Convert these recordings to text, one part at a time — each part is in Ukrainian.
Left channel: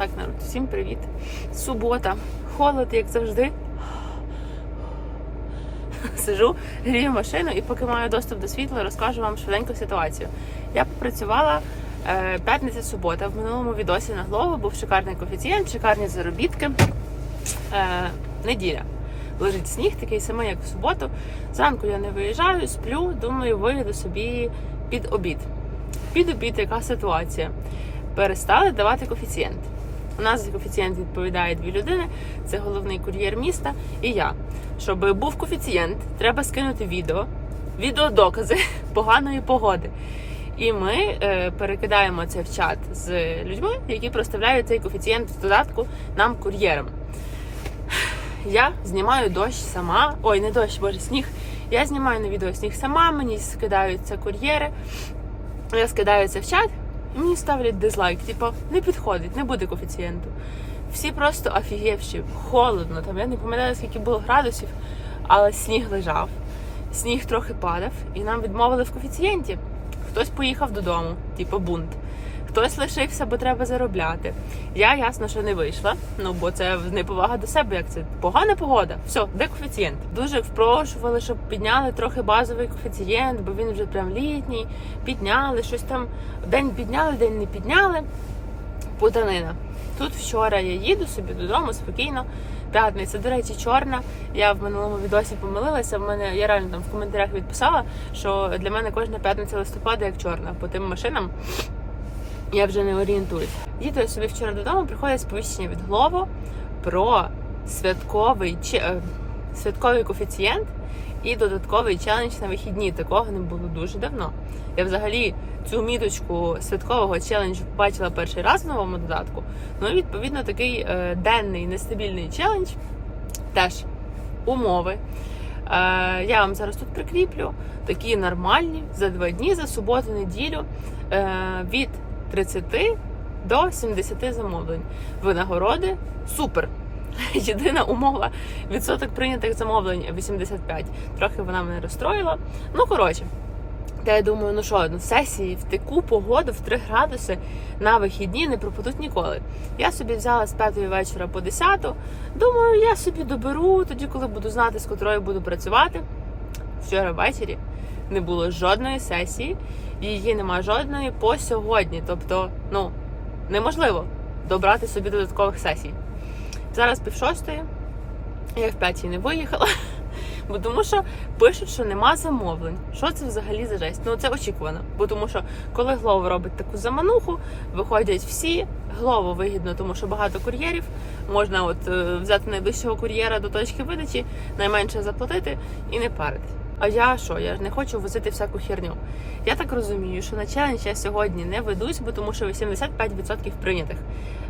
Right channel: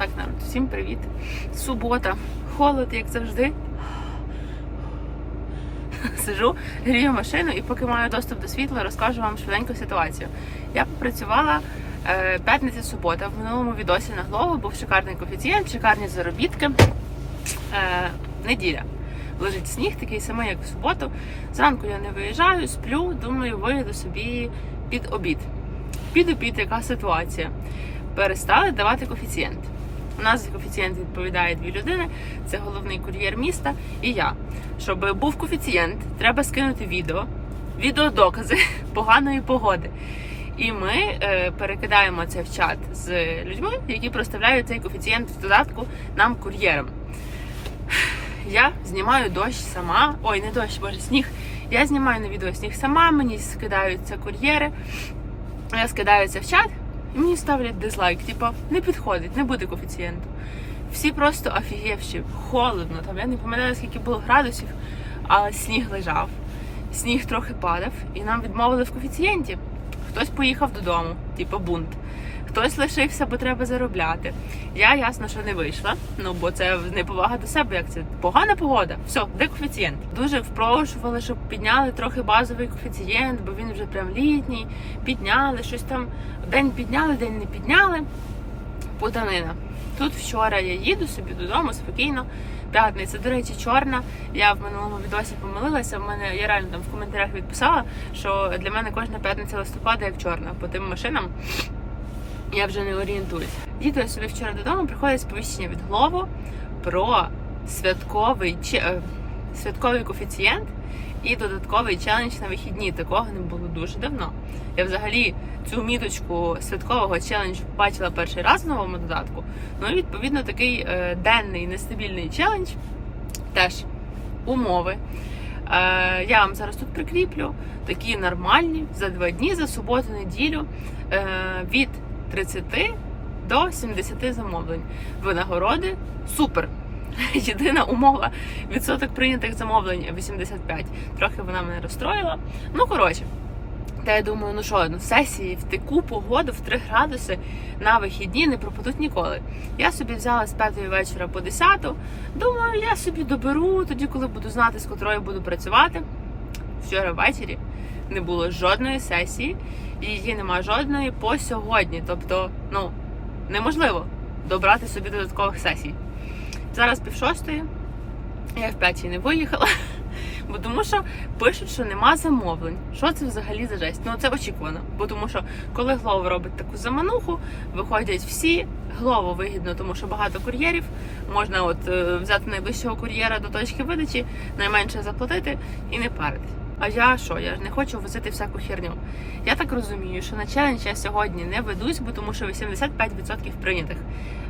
Так, народ, всім привіт. Субота, холод, як завжди. Сижу, грію машину і поки маю доступ до світла, розкажу вам швиденьку ситуацію. Я попрацювала е, п'ятниця субота. В минулому відосі на голову був шикарний коефіцієнт, шикарні заробітки. Е, неділя. Лежить сніг, такий самий, як в суботу. Зранку я не виїжджаю, сплю, думаю, виїду собі під обід. Під обід яка ситуація? Перестали давати коефіцієнт. У нас коефіцієнт відповідає дві людини: це головний кур'єр міста і я. Щоб був коефіцієнт, треба скинути відео, відеодокази поганої погоди. І ми е, перекидаємо це в чат з людьми, які проставляють цей коефіцієнт в додатку нам кур'єром. Я знімаю дощ сама. Ой, не дощ, боже, сніг. Я знімаю на відео сніг сама, мені скидаються кур'єри. Я скидаю це в чат, мені ставлять дизлайк. Типу, не підходить, не буде коефіцієнту. Всі просто офігівші, холодно. Там я не пам'ятаю, скільки було градусів, але сніг лежав. Сніг трохи падав, і нам відмовили в коефіцієнті. Хтось поїхав додому, типу бунт. Хтось лишився, бо треба заробляти. Я ясно, що не вийшла. Ну бо це неповага до себе. Як це погана погода? Все, де коефіцієнт? Дуже впрошували, щоб підняли трохи базовий коефіцієнт, бо він вже прям літній. Підняли щось там. День підняли, день не підняли. Путанина. Тут вчора я їду собі додому спокійно. П'ятниця, до речі, чорна. Я в минулому відосі помилилася. В мене я реально там в коментарях відписала, що для мене кожна п'ятниця листопада як чорна по тим машинам. Я вже не орієнтуюсь. Їду я собі вчора додому, приходить сповіщення від Глово про святковий е, святковий коефіцієнт і додатковий челендж на вихідні. Такого не було дуже давно. Я взагалі цю міточку святкового челенджу бачила перший раз в новому додатку. Ну і відповідно такий е, денний нестабільний челендж теж умови. Е, я вам зараз тут прикріплю такі нормальні за два дні, за суботу, неділю від 30 до 70 замовлень. Винагороди супер. Єдина умова відсоток прийнятих замовлень 85. Трохи вона мене розстроїла. Ну коротше. Та я думаю, ну що, ну сесії в таку погоду в 3 градуси на вихідні не пропадуть ніколи. Я собі взяла з 5 вечора по 10. Думаю, я собі доберу тоді, коли буду знати, з котрою буду працювати. Вчора ввечері не було жодної сесії, її нема жодної по сьогодні. Тобто, ну неможливо добрати собі додаткових сесій. Зараз пів шостої, я в п'ятій не виїхала. Бо тому що пишуть, що нема замовлень. Що це взагалі за жесть? Ну це очікувано. Бо тому що коли Глово робить таку замануху, виходять всі. Глово вигідно, тому що багато кур'єрів. Можна от е, взяти найближчого кур'єра до точки видачі, найменше заплатити і не паритись. А я що? Я ж не хочу возити всяку херню. Я так розумію, що на челендж я сьогодні не ведусь, бо тому що 85% прийнятих.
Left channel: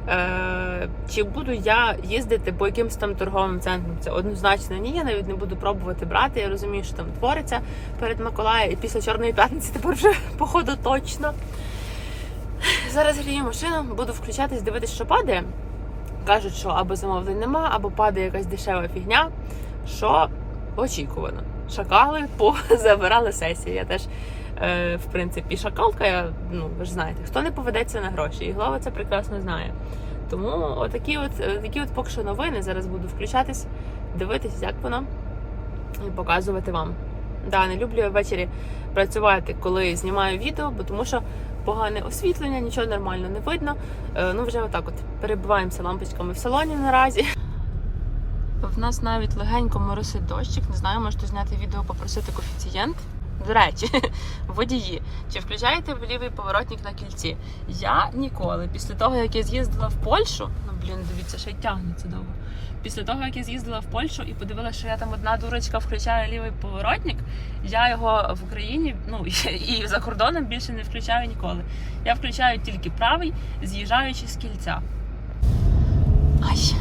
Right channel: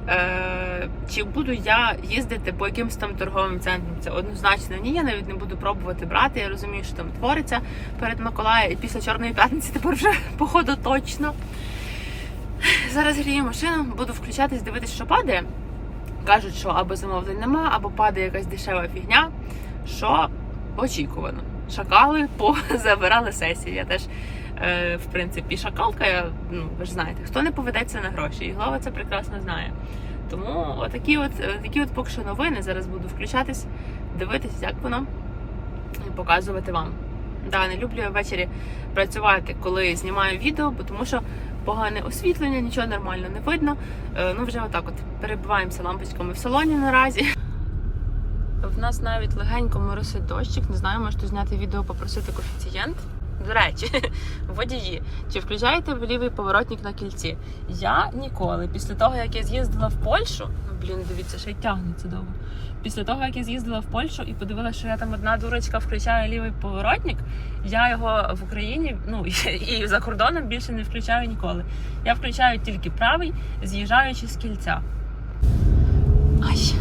Е, чи буду я їздити по якимось там торговим центрам? Це однозначно ні. Я навіть не буду пробувати брати. Я розумію, що там твориться перед Миколаєм і після Чорної п'ятниці тепер вже походу точно. Зараз грію машину, буду включатись, дивитися, що падає. Кажуть, що або замовлень нема, або падає якась дешева фігня. Що очікувано. Шакали позабирали сесії. Я теж, е, в принципі, шакалка, я, ну ви ж знаєте, хто не поведеться на гроші, і голова це прекрасно знає. Тому отакі от, такі от поки що новини. Зараз буду включатись, дивитись, як воно, і показувати вам. Да, не люблю я ввечері працювати, коли знімаю відео, бо тому що погане освітлення, нічого нормально не видно. Е, ну вже отак от перебиваємося лампочками в салоні наразі. В нас навіть легенько моросить дощик. Не знаю, можете зняти відео, попросити коефіцієнт. До речі, водії, чи включаєте ви лівий поворотник на кільці? Я ніколи. Після того, як я з'їздила в Польщу, ну блін, дивіться, ще й тягнеться довго. Після того, як я з'їздила в Польщу і подивилася, що я там одна дурочка включає лівий поворотник, я його в Україні, ну і за кордоном більше не включаю ніколи. Я включаю тільки правий, з'їжджаючи з кільця. Ай.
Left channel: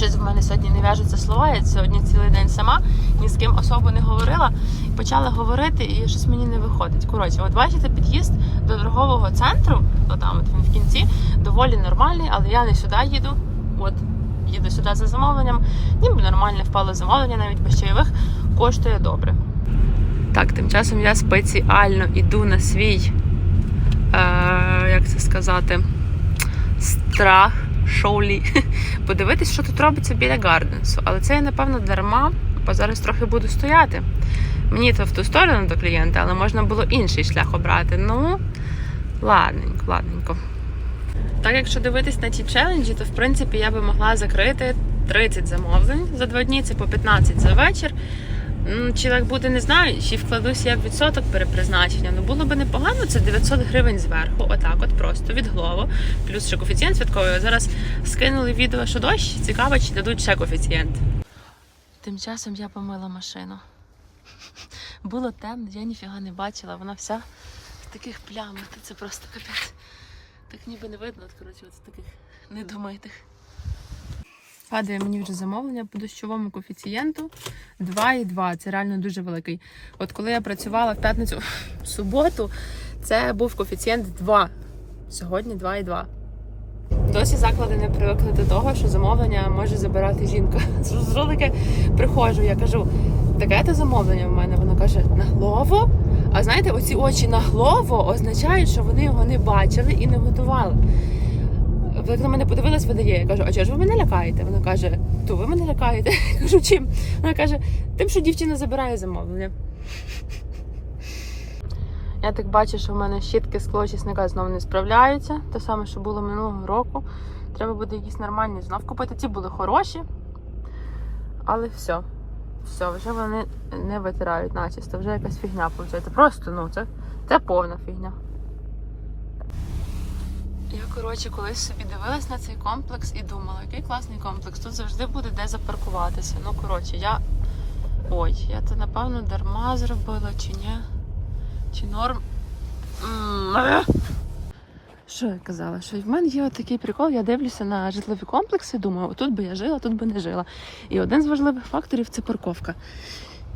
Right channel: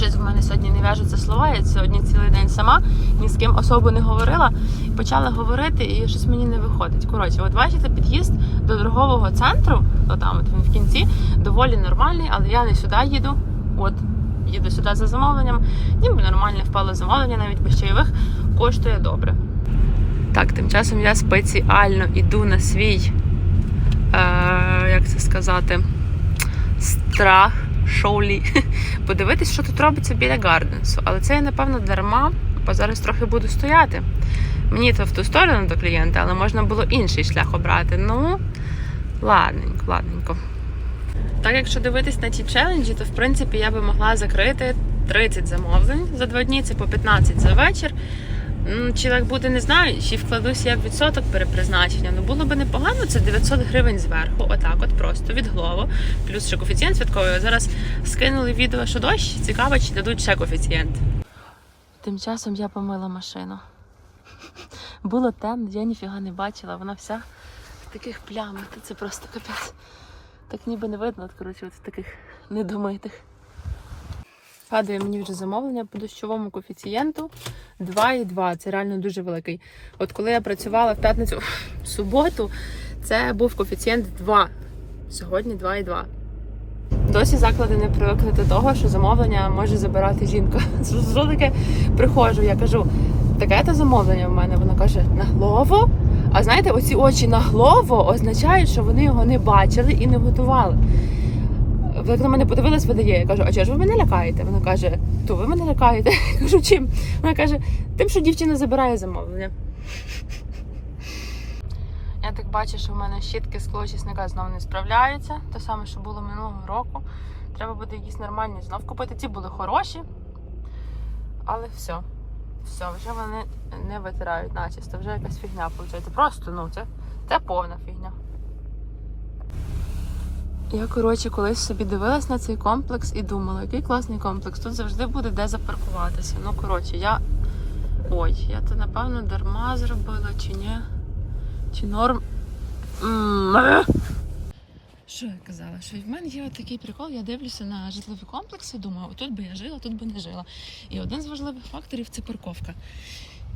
Щось в мене сьогодні не в'яжуться слова. Я сьогодні цілий день сама, ні з ким особо не говорила. Почала говорити, і щось мені не виходить. Коротше, от бачите, під'їзд до торгового центру, отам от він в кінці, доволі нормальний, але я не сюди їду. От їду сюди за замовленням. Ніби нормальне впало замовлення, навіть без чайових коштує добре. Так, тим часом я спеціально іду на свій, е, як це сказати, страх, шоулі. Подивитись, що тут робиться біля Гарденсу. Але це я, напевно, дарма, бо зараз трохи буду стояти. Мені то в ту сторону до клієнта, але можна було інший шлях обрати. Ну, ладненько, ладненько. Так, якщо дивитись на ті челенджі, то в принципі я би могла закрити 30 замовлень за два дні, це по 15 за вечір. М, Чи так буде, не знаю, чи вкладуся я в відсоток перепризначення. Ну було би непогано, це 900 гривень зверху, отак, от просто від голову. Плюс ще коефіцієнт святковий. Зараз скинули відео, що дощ. Цікаво, чи дадуть ще коефіцієнт. Тим часом я помила машину. Було темно, я ніфіга не бачила, вона вся в таких плямах. Це просто капець. Так ніби не видно, от, коротше, от в таких недомитих. Падає мені вже замовлення по дощовому коефіцієнту 2,2. Це реально дуже великий. От коли я працювала в п'ятницю в суботу, це був коефіцієнт 2. Сьогодні 2,2. Досі заклади не привикли до того, що замовлення може забирати жінка. Таке приходжу, я кажу, таке то замовлення в мене. Вона каже, на голову. А знаєте, оці очі на голову означають, що вони його не бачили і не готували. Як на мене подивилась, видає. Я кажу, а чого ж ви мене лякаєте? Вона каже, то ви мене лякаєте. Я кажу, чим? Вона каже, тим, що дівчина забирає замовлення. Я так бачу, що в мене щітки склочисника знову не справляються. Те саме, що було минулого року. Треба буде якісь нормальні знов купити. Ці були хороші. Але все. Все, вже вони не витирають начисто, вже якась фігня виходить. Просто, ну, це, це повна фігня. Я, коротше, колись собі дивилась на цей комплекс і думала, який класний комплекс. Тут завжди буде де запаркуватися. Ну, коротше, я. Ой, я то напевно дарма зробила чи ні? Чи норм. Що я казала? Що в мене є от такий прикол, я дивлюся на житлові комплекси, думаю, тут би я жила, тут би не жила. І один з важливих факторів це парковка.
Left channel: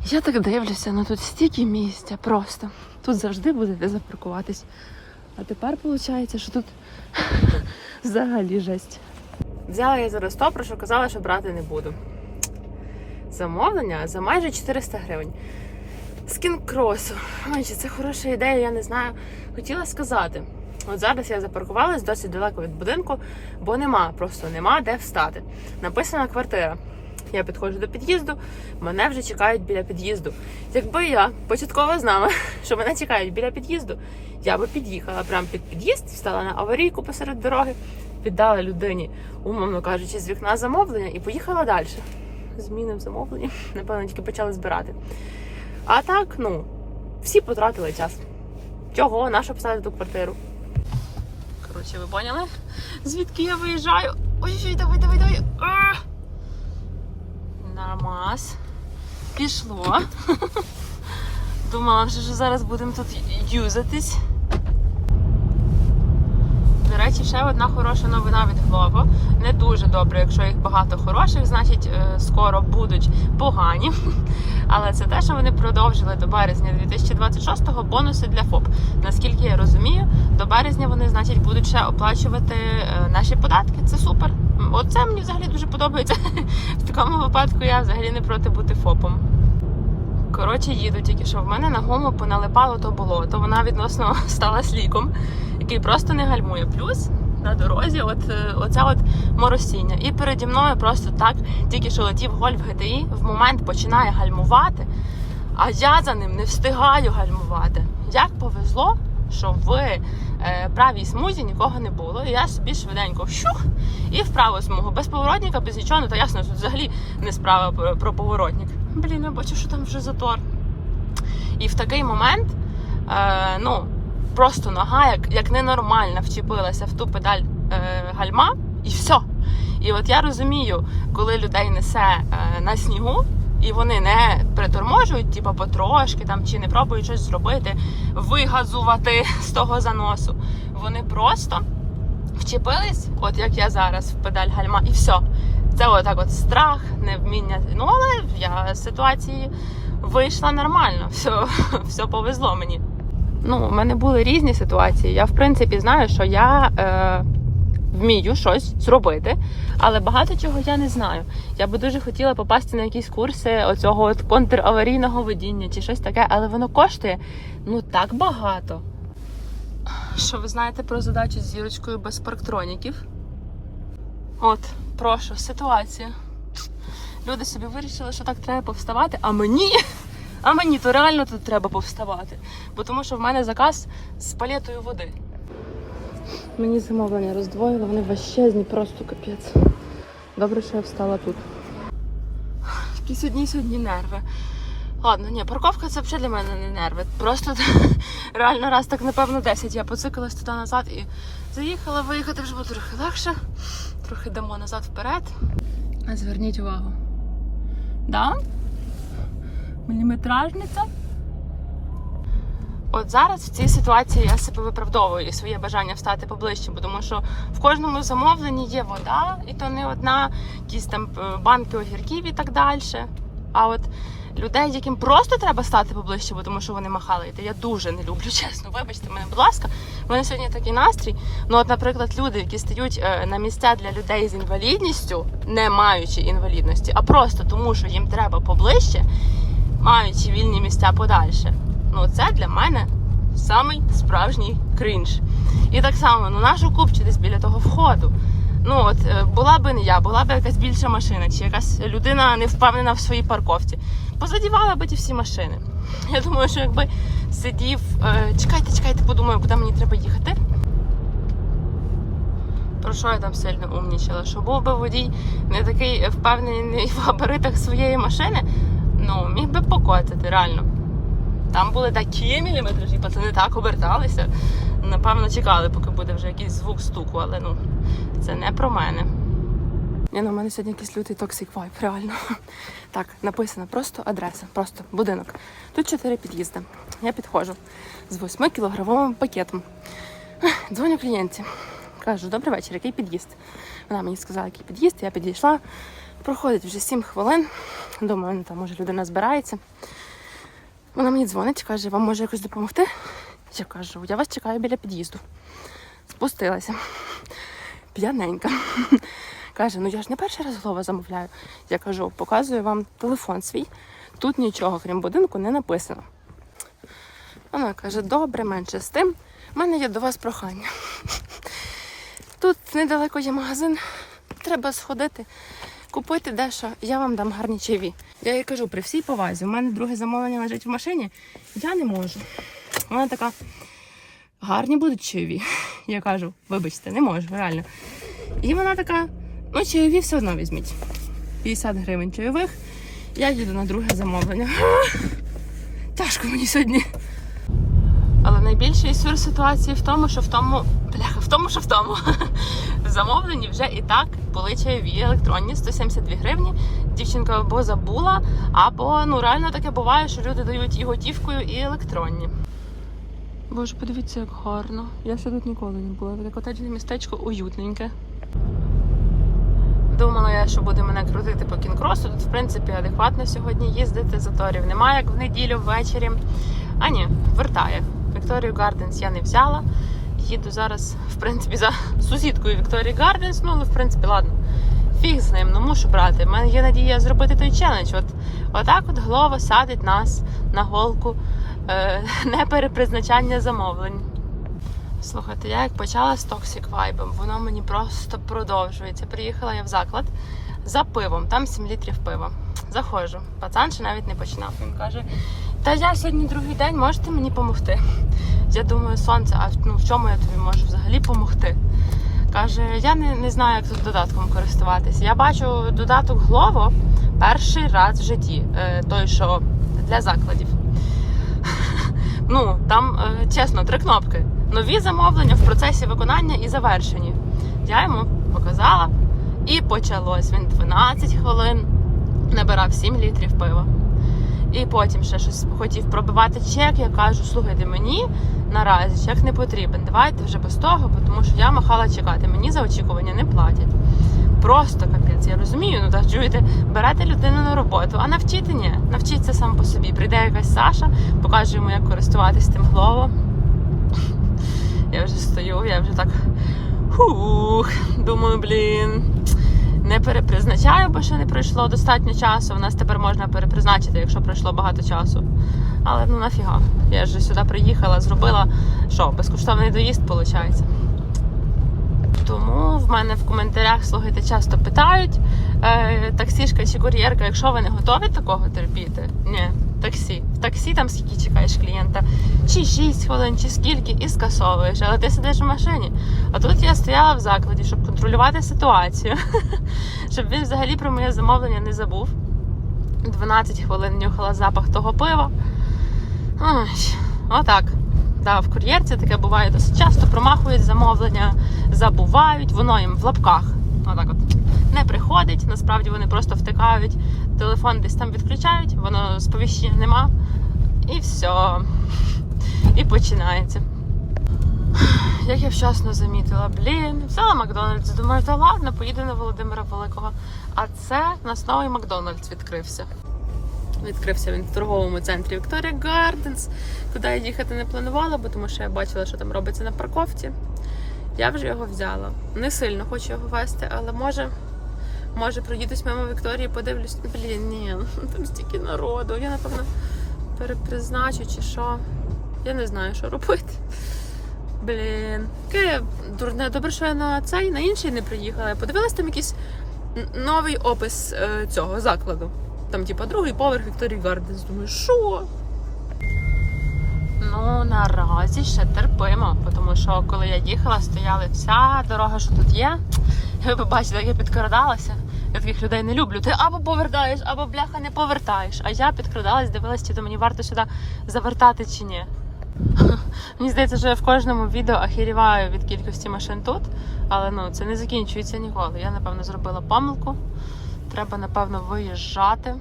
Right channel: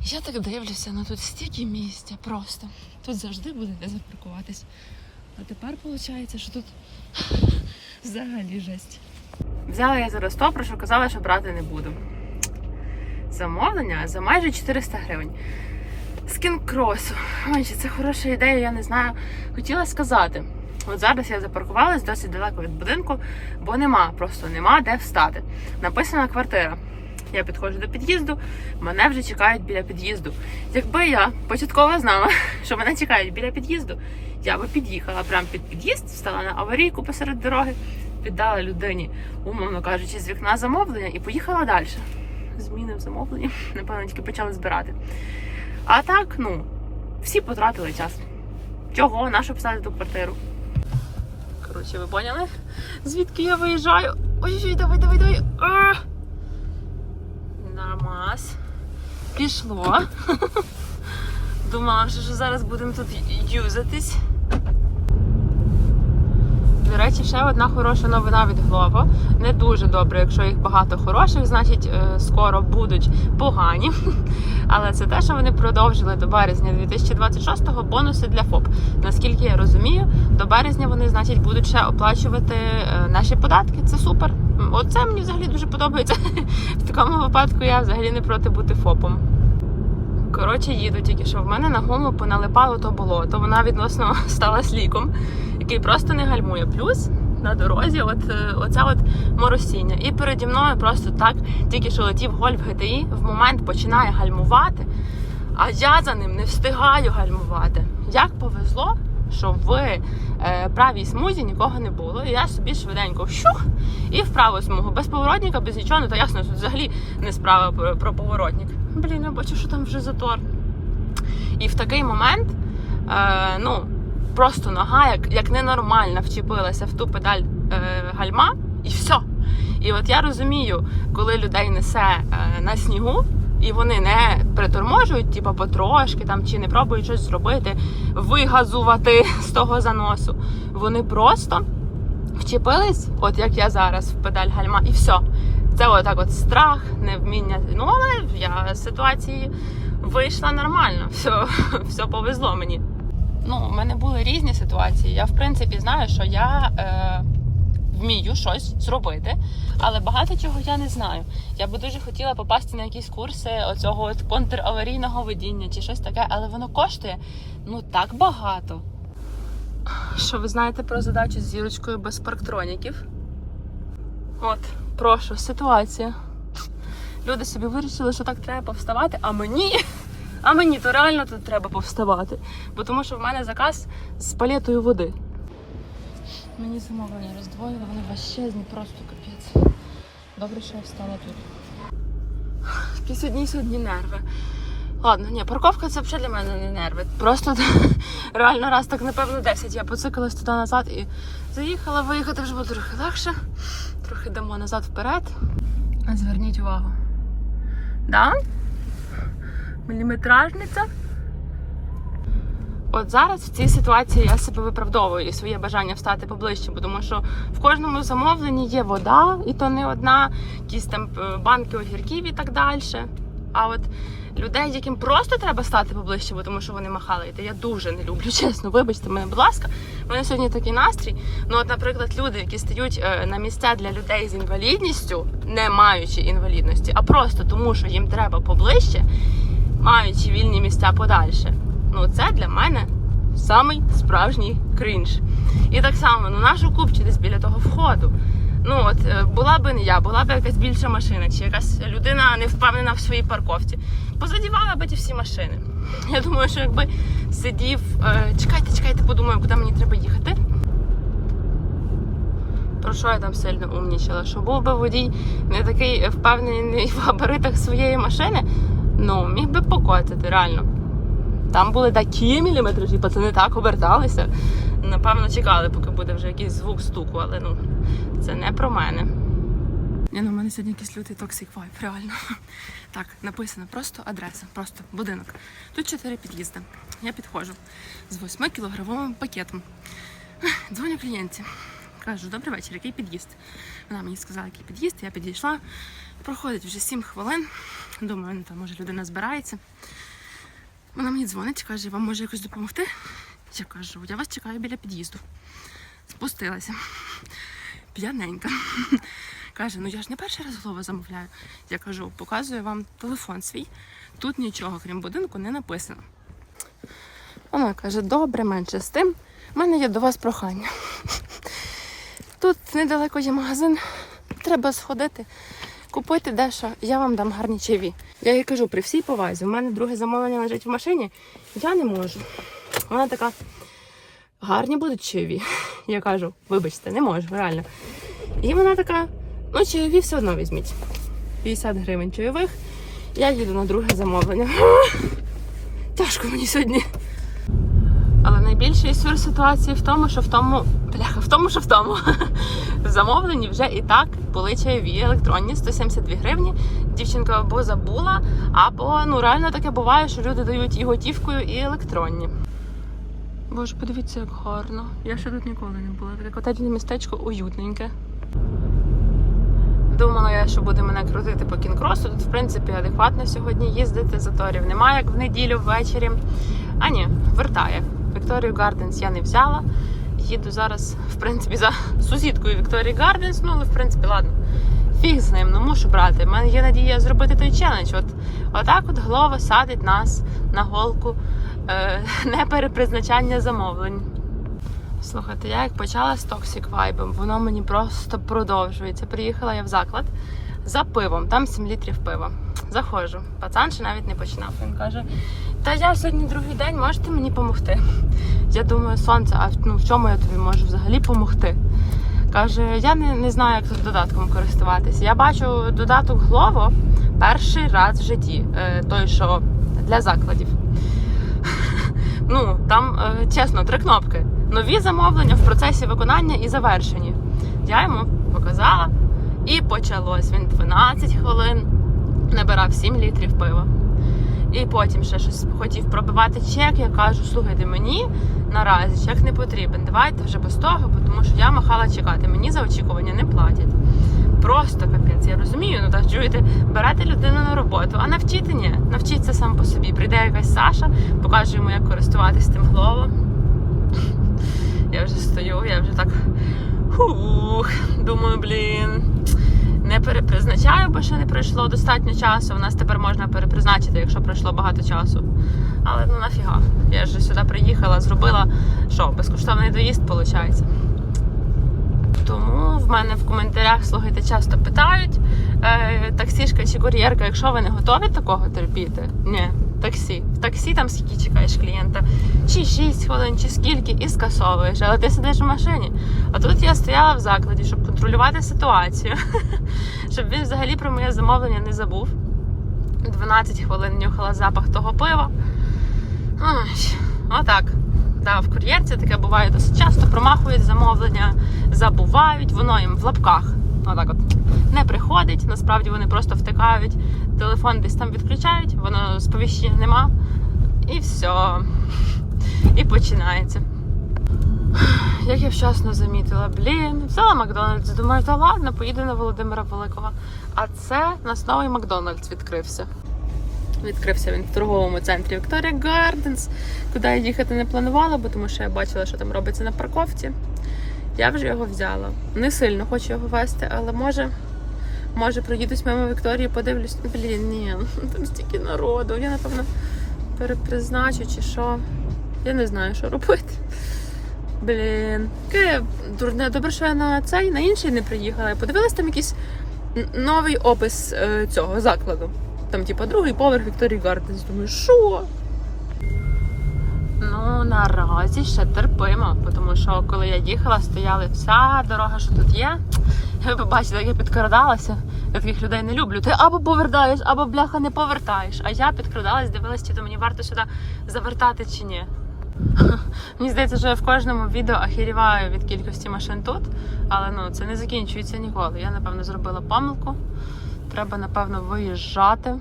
Я так дивлюся, ну тут стільки місця просто. Тут завжди буде де запаркуватись. А тепер виходить, що тут взагалі жесть. Взяла я зараз то, про що казала, що брати не буду. Замовлення за майже 400 гривень. З кінкросу. Ой, чи це хороша ідея, я не знаю. Хотіла сказати. От зараз я запаркувалась досить далеко від будинку, бо нема, просто нема де встати. Написана квартира. Я підходжу до під'їзду, мене вже чекають біля під'їзду. Якби я початково знала, що мене чекають біля під'їзду, я би під'їхала прямо під під'їзд, стала на аварійку посеред дороги, піддала людині, умовно кажучи, з вікна замовлення і поїхала далі. Зміни в замовленні, напевно, тільки почали збирати. А так, ну, всі потратили час. Чого? Нащо писати ту квартиру? Коротше, ви поняли? Звідки я виїжджаю? Ой, давай, давай, давай. А! Нормас. Пішло. Думала, що зараз будемо тут юзатись. Речі, ще одна хороша новина від Glovo. Не дуже добре, якщо їх багато хороших, значить е, скоро будуть погані. Але це те, що вони продовжили до березня 2026-го бонуси для ФОП. Наскільки я розумію, до березня вони, значить, будуть ще оплачувати е, наші податки. Це супер. Оце мені взагалі дуже подобається. В такому випадку я взагалі не проти бути ФОПом. Коротше, їду тільки що в мене на гуму поналипало то болото. Вона відносно стала сліком, який просто не гальмує. Плюс на дорозі, от е, оце от моросіння. І переді мною просто так, тільки що летів гольф GTI, в момент починає гальмувати, а я за ним не встигаю гальмувати. Як повезло, що в е, правій смузі нікого не було. І я собі швиденько щух і в праву смугу. Без поворотника, без нічого, ну то ясно, тут взагалі не справа про, про поворотник. Блін, я бачу, що там вже затор. І в такий момент, е, ну, просто нога, як, як ненормальна, вчепилася в ту педаль е, гальма, і все. І от я розумію, коли людей несе е, на снігу, і вони не приторможують, типу, потрошки там чи не пробують щось зробити, вигазувати з того заносу. Вони просто вчепились, от як я зараз, в педаль гальма, і все. Це отак от страх, невміння. Ну, але я з ситуації вийшла нормально. Все, все повезло мені. Ну, у мене були різні ситуації. Я, в принципі, знаю, що я е, вмію щось зробити, але багато чого я не знаю. Я би дуже хотіла попасти на якісь курси оцього от контраварійного водіння чи щось таке, але воно коштує ну так багато. Що ви знаєте про задачу з зірочкою без парктроніків? От, прошу, ситуація. Люди собі вирішили, що так треба повставати, а мені, а мені то реально тут треба повставати. Бо тому що в мене заказ з палетою води. Мені замовлення роздвоїли, вони важчезні, просто капець. Добре, що я встала тут. Якісь одні сьогодні нерви. Ладно, ні, парковка це взагалі для мене не нерви. Просто реально раз так, напевно, 10. Я поцикалась туди назад і заїхала, виїхати вже буде трохи легше. Трохи дамо назад вперед. А зверніть увагу. Да? Міліметражниця. От зараз в цій ситуації я себе виправдовую і своє бажання встати поближче, бо тому що в кожному замовленні є вода, і то не одна, якісь там е, банки огірків і так далі. А от людей, яким просто треба стати поближче, бо тому що вони махали, то я дуже не люблю, чесно. Вибачте мене, будь ласка. Мене сьогодні такий настрій. Ну, от, наприклад, люди, які стають е, на місця для людей з інвалідністю, не маючи інвалідності, а просто тому, що їм треба поближче, маючи вільні місця подальше. Ну, це для мене самий справжній крінж. І так само, ну нашу купчі десь біля того входу. Ну от е, була би не я, була б якась більша машина, чи якась людина не впевнена в своїй парковці. Позадівала би ті всі машини. Я думаю, що якби сидів, е, чекайте, чекайте, подумаю, куди мені треба їхати. Про що я там сильно умнічала? Що був би водій не такий впевнений в габаритах своєї машини, ну міг би покотити, реально. Там були такі міліметражі, пацани так оберталися. Напевно, чекали, поки буде вже якийсь звук стуку, але ну це не про мене. Ні, ну, у мене сьогодні якийсь лютий токсик вайб, реально. Так, написано просто адреса, просто будинок. Тут чотири під'їзди. Я підходжу з 8 кілограмовим пакетом. Дзвоню клієнті. Кажу, добрий вечір, який під'їзд? Вона мені сказала, який під'їзд, я підійшла. Проходить вже 7 хвилин. Думаю, ну там може людина збирається. Вона мені дзвонить, каже, вам може якось допомогти? Я кажу, я вас чекаю біля під'їзду. Спустилася. П'яненька. Каже, ну я ж не перший раз голова замовляю. Я кажу, показую вам телефон свій. Тут нічого, крім будинку, не написано. Вона каже, добре, менше з тим. У мене є до вас прохання. Тут недалеко є магазин, треба сходити, купити дещо, я вам дам гарні чайові. Я їй кажу, при всій повазі, у мене друге замовлення лежить в машині, я не можу. Вона така, гарні будуть чайові. Я кажу, вибачте, не можу, реально. І вона така, ну чайові все одно візьміть. 50 гривень чайових. Я їду на друге замовлення. Тяжко мені сьогодні. Але найбільший сюр ситуації в тому, що в тому, бляха, в тому, що в тому. В замовленні вже і так були чайові електронні 172 гривні. Дівчинка або забула, або ну реально таке буває, що люди дають і готівкою, і електронні. Боже, подивіться, як гарно. Я ще тут ніколи не була. Таке котеджне містечко уютненьке. Думала я, що буде мене крутити по кінкросу. Тут, в принципі, адекватно сьогодні їздити, заторів немає, як в неділю ввечері. А ні, вертає. Вікторію Гарденс я не взяла. Їду зараз, в принципі, за сусідкою Вікторії Гарденс. Ну, але в принципі, ладно. Фіг з ним, ну мушу брати. У мене є надія зробити той челендж. От отак от голова садить нас на голку е, неперепризначання замовлень. Слухайте, я як почала з Toxic Vibe, воно мені просто продовжується. Приїхала я в заклад за пивом, там 7 літрів пива. Заходжу. Пацан ще навіть не починав. Він каже: Та я сьогодні другий день, можете мені допомогти? Я думаю, сонце, а ну, в чому я тобі можу взагалі допомогти? Каже, я не, не знаю, як тут додатком користуватися. Я бачу додаток Glovo перший раз в житті, е, той, що для закладів. Ну, там, е, чесно, три кнопки. Нові замовлення в процесі виконання і завершені. Я йому показала і почалось. Він 12 хвилин набирав 7 літрів пива. І потім ще щось хотів пробивати чек. Я кажу, слухайте, мені наразі чек не потрібен. Давайте вже без того, тому що я махала чекати. Мені за очікування не платять. Просто капець, я розумію, ну так чуєте, берете людину на роботу, а навчити ні. Навчіться сам по собі. Прийде якась Саша, покаже йому, як користуватись тим глово. Я вже стою, я вже так хух, думаю, блін. Не перепризначаю, бо ще не пройшло достатньо часу. У нас тепер можна перепризначити, якщо пройшло багато часу. Але ну нафіга. Я ж сюди приїхала, зробила що, безкоштовний доїзд, виходить. Тому в мене в коментарях слухайте часто питають е, таксішка чи кур'єрка, якщо ви не готові такого терпіти. Ні, таксі. В таксі там скільки чекаєш клієнта, чи 6 хвилин, чи скільки, і скасовуєш, але ти сидиш в машині. А тут я стояла в закладі, щоб контролювати ситуацію, щоб він взагалі про моє замовлення не забув. 12 хвилин нюхала запах того пива. Ой, отак. Да, в кур'єрці таке буває досить часто. Промахують замовлення, забувають, воно їм в лапках. Отак от не приходить. Насправді вони просто втикають, телефон десь там відключають, воно сповіщення нема. І все. І починається. Як я вчасно замітила, блін, взяла Макдональдс. Думаю, та ладно, поїду на Володимира Великого. А це у нас новий Макдональдс відкрився. Відкрився він в торговому центрі Victoria Gardens, куди я їхати не планувала, бо тому що я бачила, що там робиться на парковці. Я вже його взяла. Не сильно хочу його вести, але може, може проїдусь мимо Вікторії, подивлюсь. Блін, ні, там стільки народу. Я напевно перепризначу чи що. Я не знаю, що робити. Блін, дурне. Добре, що я на цей на інший не приїхала. Я подивилась там якийсь новий опис е, цього закладу. Там, типа, другий поверх Вікторії Гарденс. Думаю, що? Наразі ще терпимо, тому що коли я їхала, стояли вся дорога, що тут є. Ви побачили, як я підкрадалася. Я таких людей не люблю. Ти або повертаєш, або бляха не повертаєш. А я підкрадалась, дивилась, чи то мені варто сюди завертати чи ні. Мені здається, що я в кожному відео ахіріваю від кількості машин тут, але ну це не закінчується ніколи. Я напевно зробила помилку. Треба, напевно, виїжджати.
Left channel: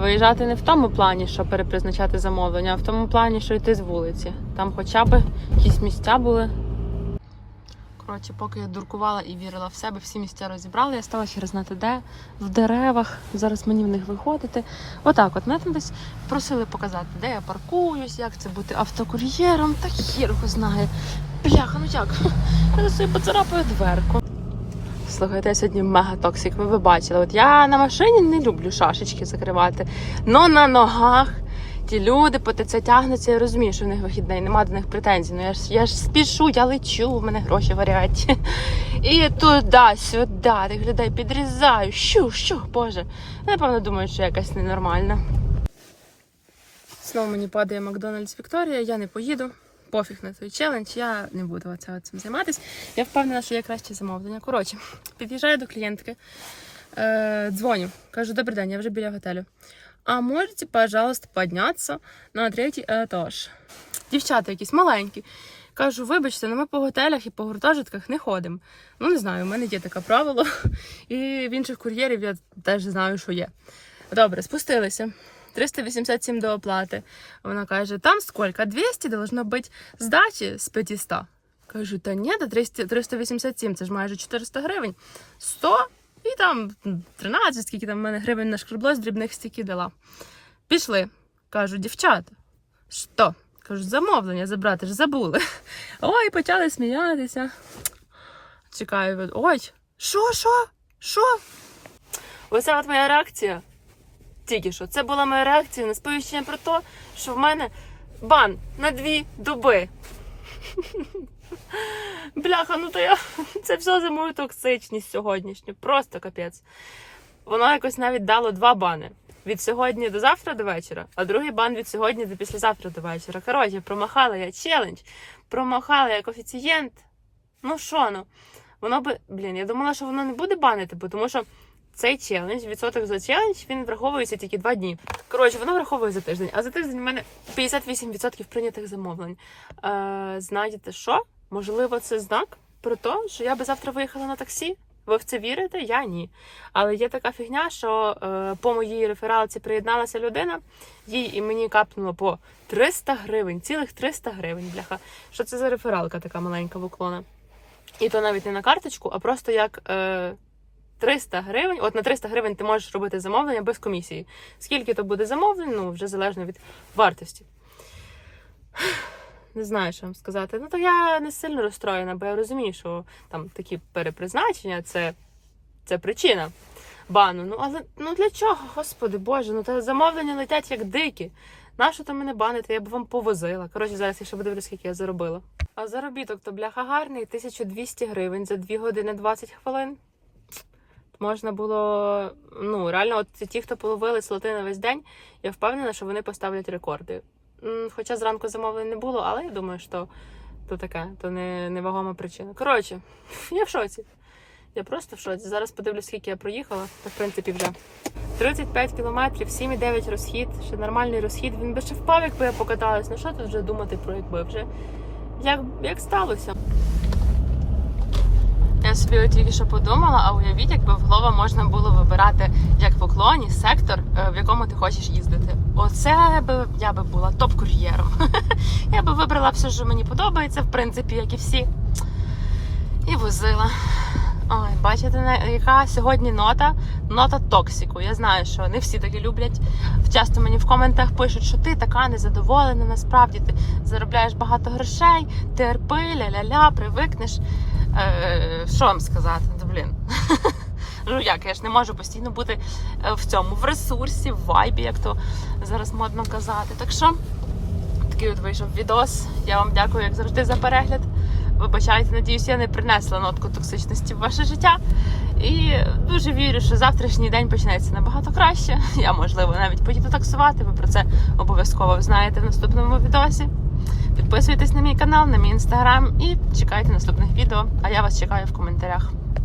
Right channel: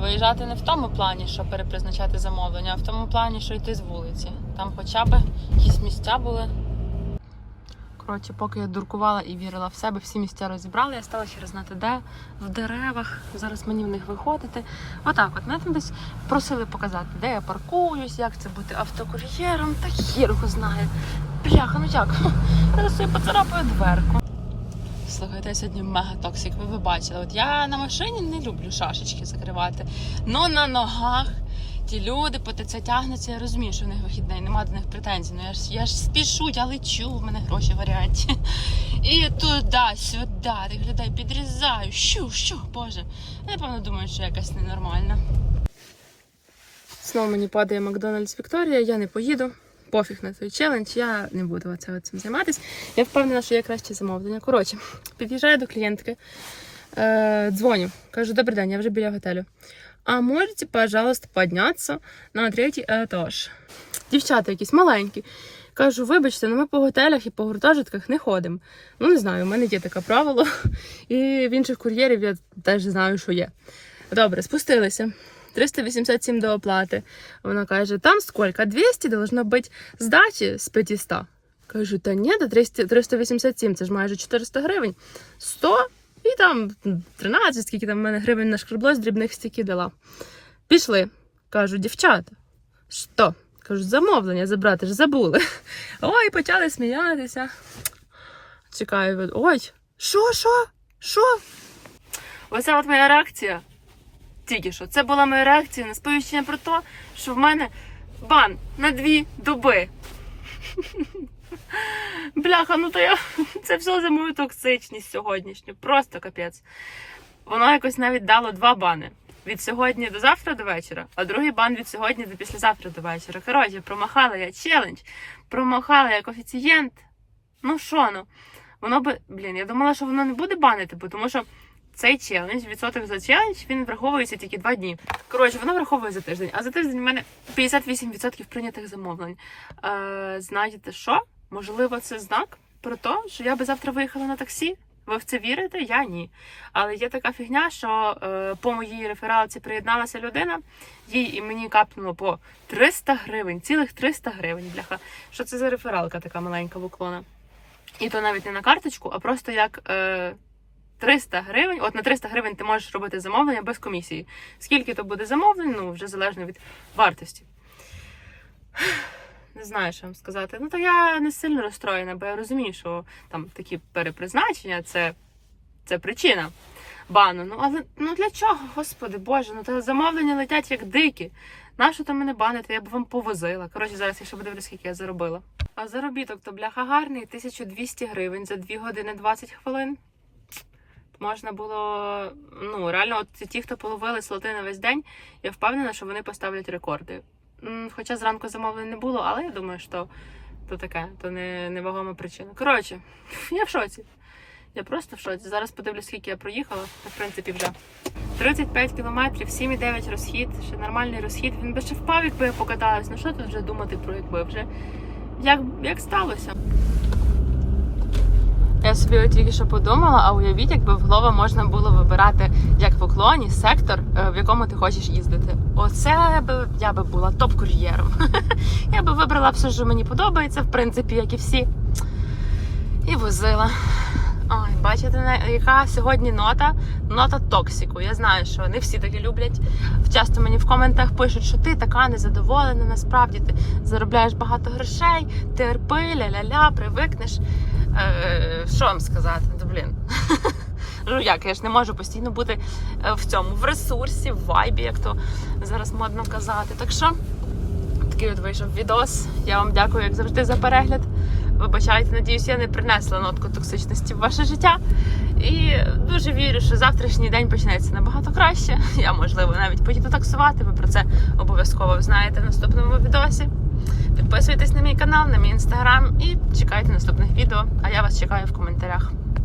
Виїжджати не в тому плані, що перепризначати замовлення, а в тому плані, що йти з вулиці. Там хоча б якісь місця були. Коротше, поки я дуркувала і вірила в себе, всі місця розібрала, я стала хер знати де, в деревах. Зараз мені в них виходити. Отак, от мене там десь просили показати, де я паркуюсь, як це бути автокур'єром, та хір його знає. Бляха, ну як? Я собі поцарапаю дверку. Слухайте, я сьогодні мега токсик. Ви, ви бачили. От я на машині не люблю шашечки закривати. Но на ногах ті люди по ТЦ тягнуться, я розумію, що в них вихідний, нема до них претензій. Ну я ж я ж спішу, я лечу, в мене гроші варять. І туди, сюди, тих людей підрізаю. Щу, щу, боже. Напевно, думаю, що якась ненормальна. Знову мені падає Макдональдс Вікторія, я не поїду. Пофіг на той челендж, я не буду оце цим займатися. Я впевнена, що є краще замовлення. Коротше, під'їжджаю до клієнтки, е, дзвоню, кажу, добрий день, я вже біля готелю. А можете, пожалуйста, піднятися на третій етаж? Дівчата якісь маленькі. Кажу, вибачте, ну ми по готелях і по гуртожитках не ходимо. Ну, не знаю, у мене є таке правило. І в інших кур'єрів я теж знаю, що є. Добре, спустилися. 387 до оплати. Вона каже, там сколько? 200 должно бути здачі з 500. Кажу, та ні, до 300 387, це ж майже 400 гривень. 100 і там 13, скільки там в мене гривень нашкребло, з дрібних стільки дала. Пішли. Кажу, дівчата, що? Кажу, замовлення забрати ж забули. Ой, почали сміятися. Чекаю, ой, що, що? Що? Оце от моя реакція тільки що. Це була моя реакція на сповіщення про те, що в мене бан на дві доби. Бляха, ну то я це все за мою токсичність сьогоднішню. Просто капець. Воно якось навіть дало два бани. Від сьогодні до завтра до вечора, а другий бан від сьогодні до післязавтра до вечора. Коротше, промахала я челендж, промахала я коефіцієнт. Ну що ну? Воно би, блін, я думала, що воно не буде банити, бо тому що цей челендж, відсоток за челендж, він враховується тільки два дні. Коротше, воно враховує за тиждень, а за тиждень в мене 58% прийнятих замовлень. Е, знаєте що? Можливо, це знак про те, що я би завтра виїхала на таксі. Ви в це вірите? Я ні. Але є така фігня, що е, по моїй рефералці приєдналася людина, їй і мені капнуло по 300 гривень, цілих 300 гривень. Бляха. Що це за рефералка така маленька в уклона? І то навіть не на карточку, а просто як е, 300 гривень. От на 300 гривень ти можеш робити замовлення без комісії. Скільки то буде замовлень, ну вже залежно від вартості. Не знаю, що вам сказати. Ну, то я не сильно розстроєна, бо я розумію, що там такі перепризначення це, це причина бану. Ну, але ну для чого, господи Боже, ну та замовлення летять як дикі. Нащо там мене банити? Я б вам повозила. Коротше, зараз я ще подивлюсь, скільки я заробила. А заробіток то бляха гарний 1200 гривень за 2 години 20 хвилин. Можна було, ну реально, от ті, хто половили слоти на весь день, я впевнена, що вони поставлять рекорди. Хоча зранку замовлень не було, але я думаю, що то таке, то не невагома причина. Коротше, я в шоці. Я просто в шоці. Зараз подивлюсь, скільки я проїхала, та в принципі вже. 35 кілометрів, 7,9 розхід, ще нормальний розхід. Він би ще впав, якби я покаталась. Ну що тут вже думати про якби вже як, як сталося? Я собі тільки що подумала, а уявіть, якби в Глова можна було вибирати як в уклоні сектор, е, в якому ти хочеш їздити. Оце би я би була топ-кур'єром. Я би вибрала все, що мені подобається, в принципі, як і всі. І возила. Ой, бачите, яка сьогодні нота? Нота токсику. Я знаю, що не всі такі люблять. Часто мені в коментах пишуть, що ти така незадоволена. Насправді ти заробляєш багато грошей, терпи, ля-ля-ля, привикнеш. Е, що вам сказати? Блін. Ну як, я ж не можу постійно бути е, в цьому, в ресурсі, в вайбі, як то зараз модно казати. Так що такий от вийшов відос. Я вам дякую, як завжди, за перегляд. Вибачайте, надіюсь, я не принесла нотку токсичності в ваше життя. І дуже вірю, що завтрашній день почнеться набагато краще. Я, можливо, навіть поїду таксувати. Ви про це обов'язково знаєте в наступному відосі. Підписуйтесь на мій канал, на мій інстаграм і чекайте наступних відео. А я вас чекаю в коментарях.